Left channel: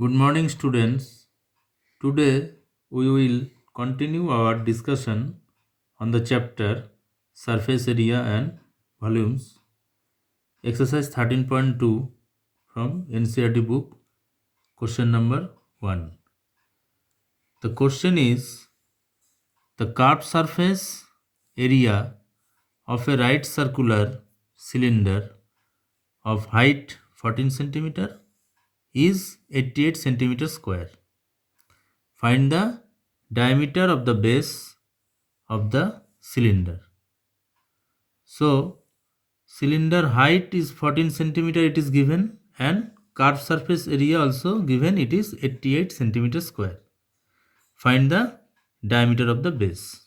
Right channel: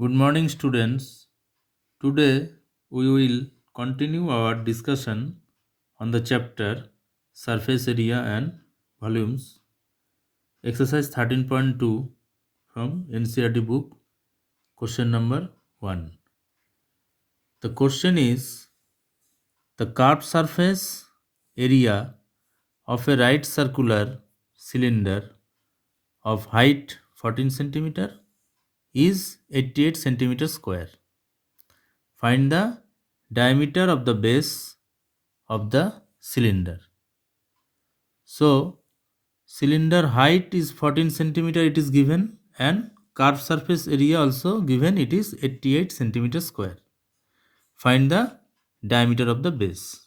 Good morning, students. Today we will continue our discussion on the chapter Surface Area and Volumes, exercise 13.2 from NCERT book, question number 1. The question is the curved surface area of a right circular cylinder of height 14 cm is 88 cm square. Find the diameter of the base of the cylinder. So, cylinder height is 14 centimeter it is given, and curved surface area also given, it is 88 centimeter square. Find the diameter of the base.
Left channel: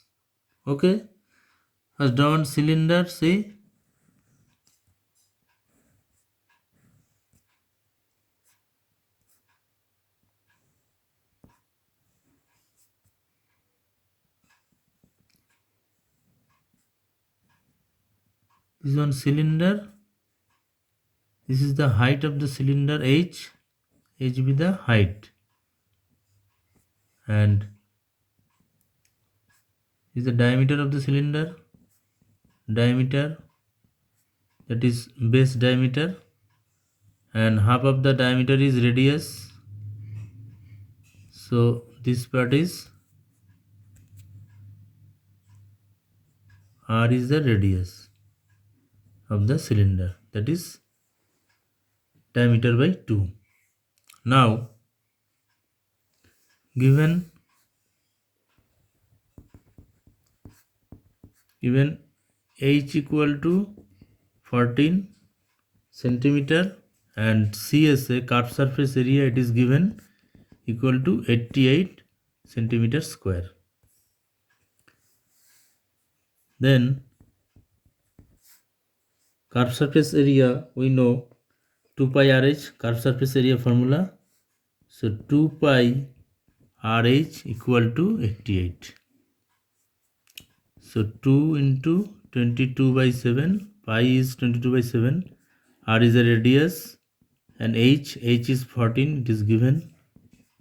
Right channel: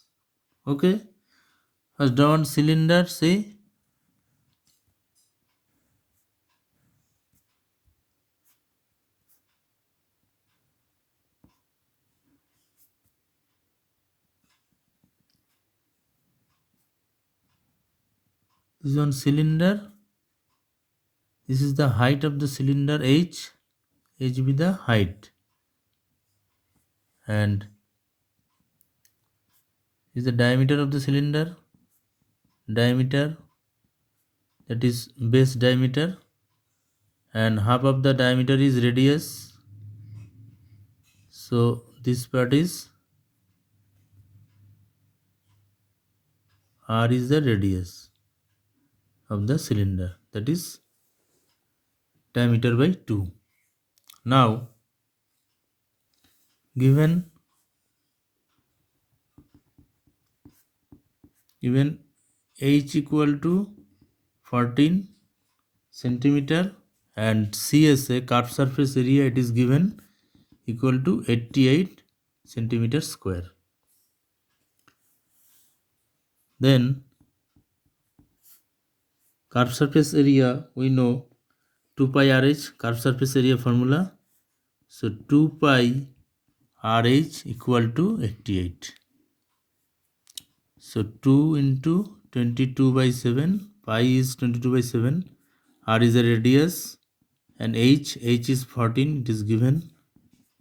Okay. First drawn cylinder, see. This is one cylinder. This is the height of the cylinder, h. H be the height. And is the diameter of the cylinder. Diameter, that is base diameter, and half of the diameter is radius. So this part is r is the radius of the cylinder, that is diameter by 2. Now given h equal to 14 centimeter and CSA, curved surface area, it is given equal to 88 centimeter square. Then curved surface area, we know 2 pi RH, curved surface area formula. So 2 pi RH equal to 88. So 2 into 22 by 7, pi is 22 by 7, r is a radius, and h is 14, it is given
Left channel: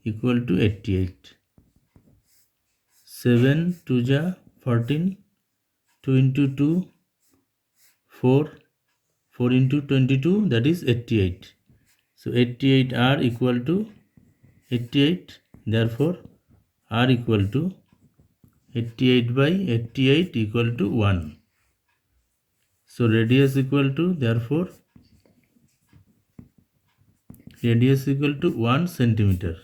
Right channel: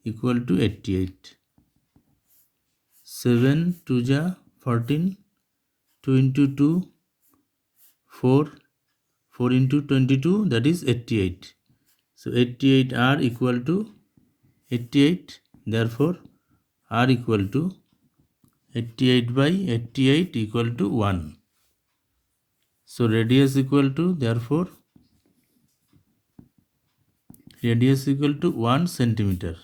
equal to 88. 7 2 ja 14, 2 into 2, 4, 4 into 22, that is 88. So 88 r equal to 88, therefore r equal to 88 by 88 equal to 1. So radius equal to, therefore radius equal to 1 centimeter.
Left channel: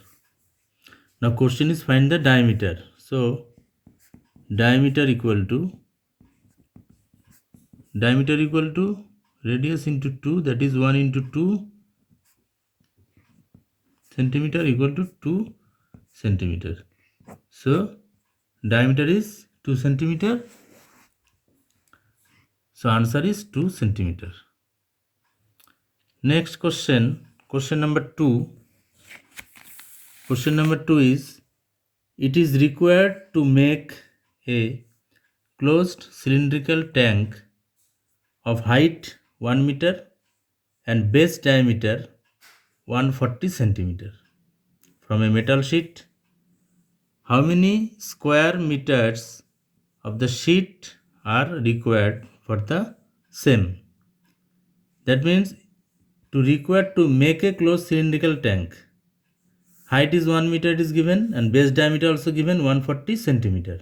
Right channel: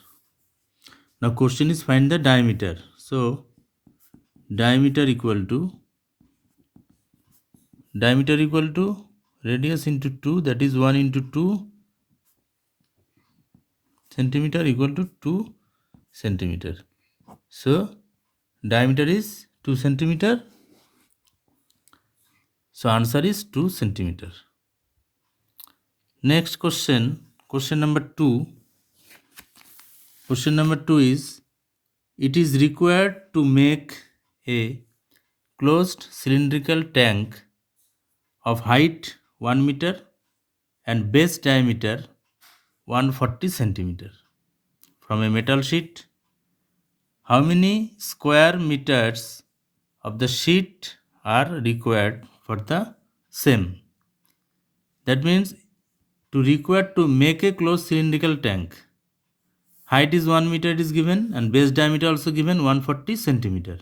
Now question is find the diameter. So diameter equal to radius into 2, that is 1 into 2 centimeter equal to 2 centimeter. So diameter is 2 centimeter. So answer is 2 centimeter. Next question, question number 2. Question number 2 is, it is required to make a closed cylindrical tank of height 1 meter and base diameter 140 centimeter from a metal sheet. How many square meters of the sheet are required for the same? That means to require to make a closed cylindrical tank, height is 1 meter it is given, and base diameter also given 140 centimeter.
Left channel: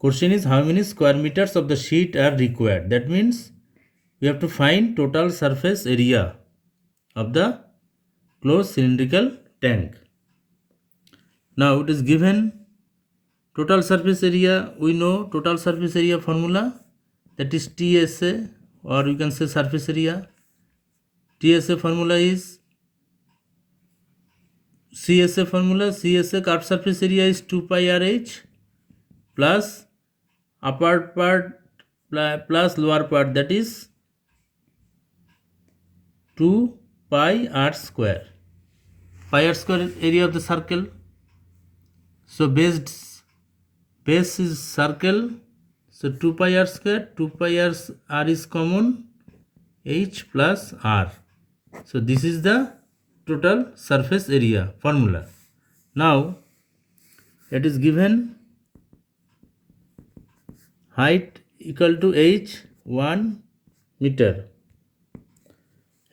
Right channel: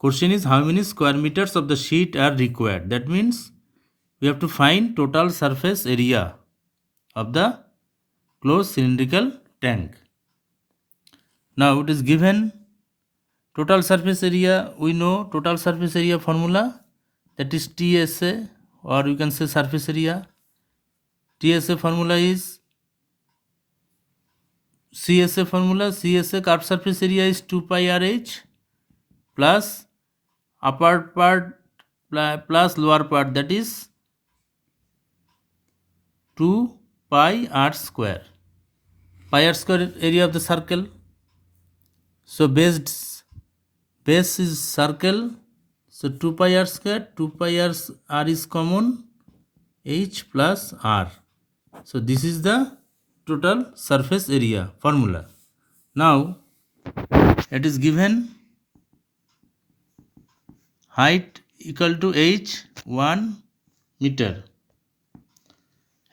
Question is how many square meters of the sheet are required. That means we have to find total surface area of the closed cylindrical tank. Now it is given total surface area, we know total surface area formula, that is TSA, or you can say surface area. TSA formula is CSA formula. CSA, curved surface area, is 2 pi RH plus upper part plus lower part, that is 2 pi r square. Pi r square area of the circle. So base is circle. So 2 pi r square, 2 pi r is common, h plus r. So this is the total surface area formula. Now it is given height equal to h 1 meter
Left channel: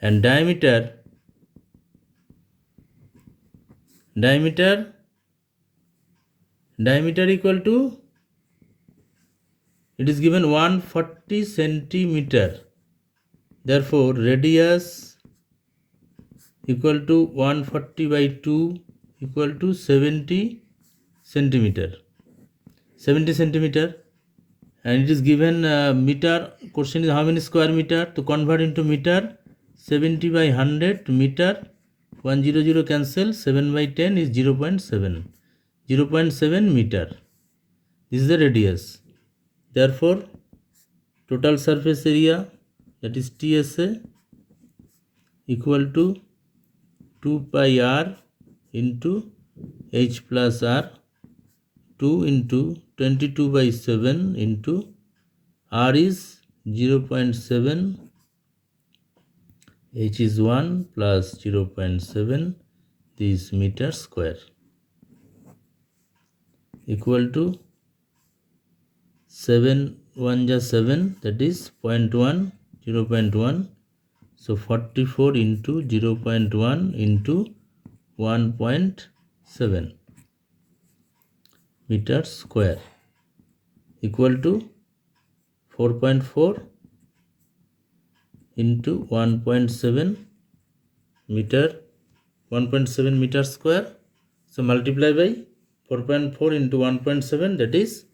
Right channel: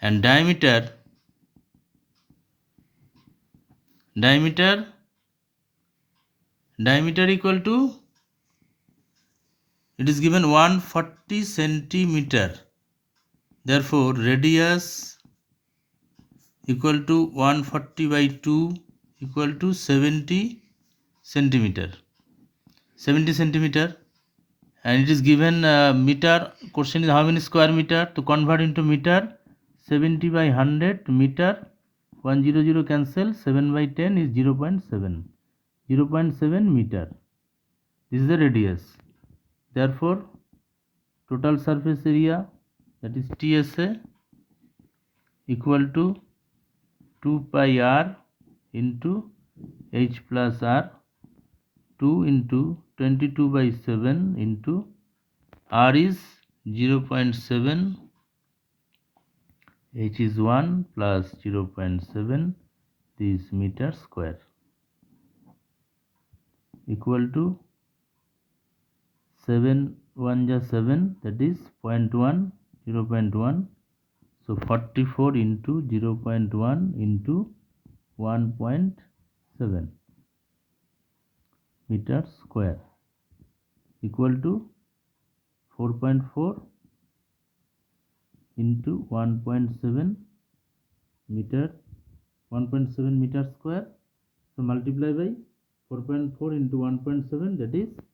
and diameter equal to, it is given 140 centimeter. Therefore radius equal to 140 by 2 equal to 70 centimeter. And it is given meter. Question is how many square meter? To convert into meter, 70 by 100 meter, 100 cancel, 7 by 10 is 0.7 meter. This is the radius. Therefore total surface area, that is TSA, equal to 2 pi r into h plus r, 2 into 22 by 7 into r is 0.7, h is 1 plus 0.7, this meter square, equal to 7 1 ja 7, that is 0.1, 0.1. So 44 into 0.1 into 1.7 meter square, equal to 4.4 into 1.7 meter square. So multiply by 4.4 into 1.7, that is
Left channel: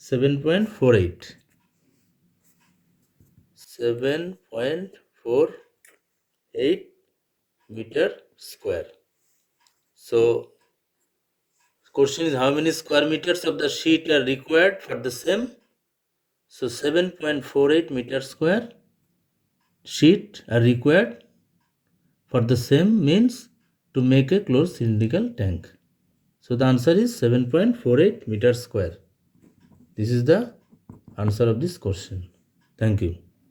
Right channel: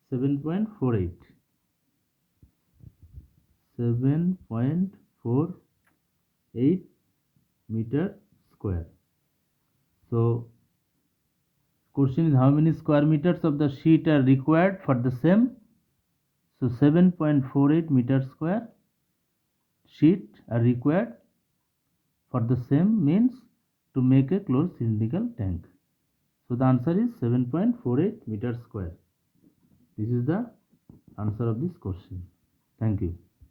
7.48 meter square. So question is how many square meters of the sheet are required for the same. So 7.48 meter square sheet are required for the same, means to make a closed cylindrical tank. So the answer is 7.48 meter square. This is the answer of this question. Thank you.